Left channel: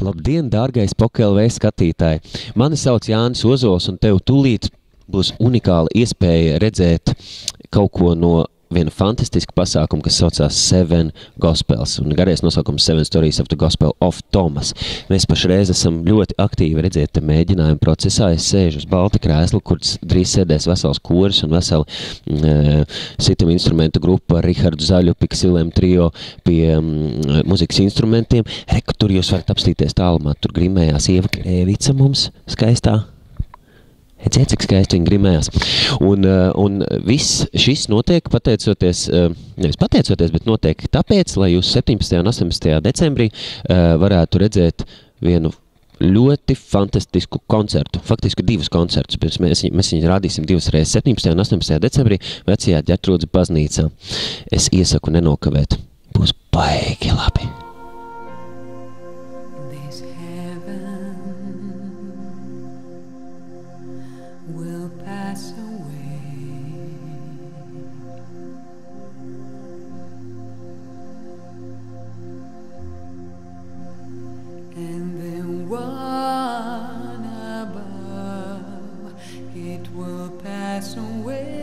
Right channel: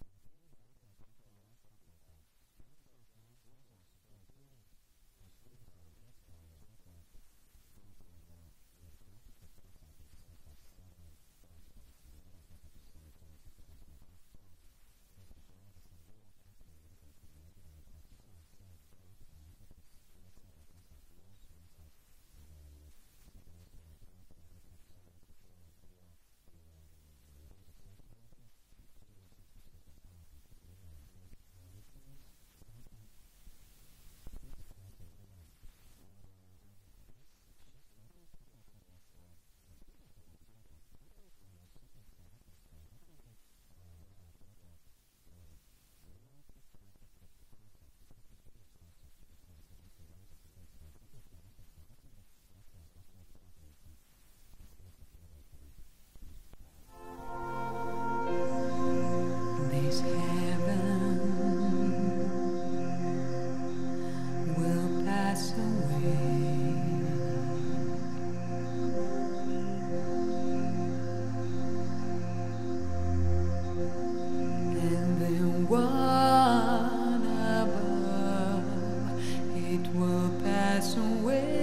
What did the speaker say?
Labdien, dārgais POK.LV skatītāji! Mani sauc Jānis Ozols, un tev tūlīt būs unikāla iespēja redzēt kaut ko no viena fantastiska pasākuma, kas saucās Seven Gospels, un garais nosaukums Seven Stories of the Gospel of Thomas. Mēs pašreiz esam ļoti aktīvi redzēt mēģinājumu procesā. Es sēžu uz balta krēsla, kur drīz sēdēs vesels koris un veseli sitam instrumentu grupa ar Rihardu Zaļu, Piksilēm trio pie muzikas instrumentiem. Reku, tur jūs varat apstīties tālumā, tur grimējās Ieva Krēvica mums skaistā. Redzēt, cik skaisti viņi grimējās. Un viss šis notiek pateicoties, nevis pateicoties, bet notiek tāpēc, lai jūs 17. un 18. decembrī varētu redzēt vienu ļoti fantastisku koncertu. Faktiski 2 koncertus. Mēs viņu rādīsim 2 reizes 17. un 18. decembrī vecajā Ģertrūdes baznīcā. Es iesaku nenokavēt. Būs baigi labi. Will pass away, and the one above, it will pass away.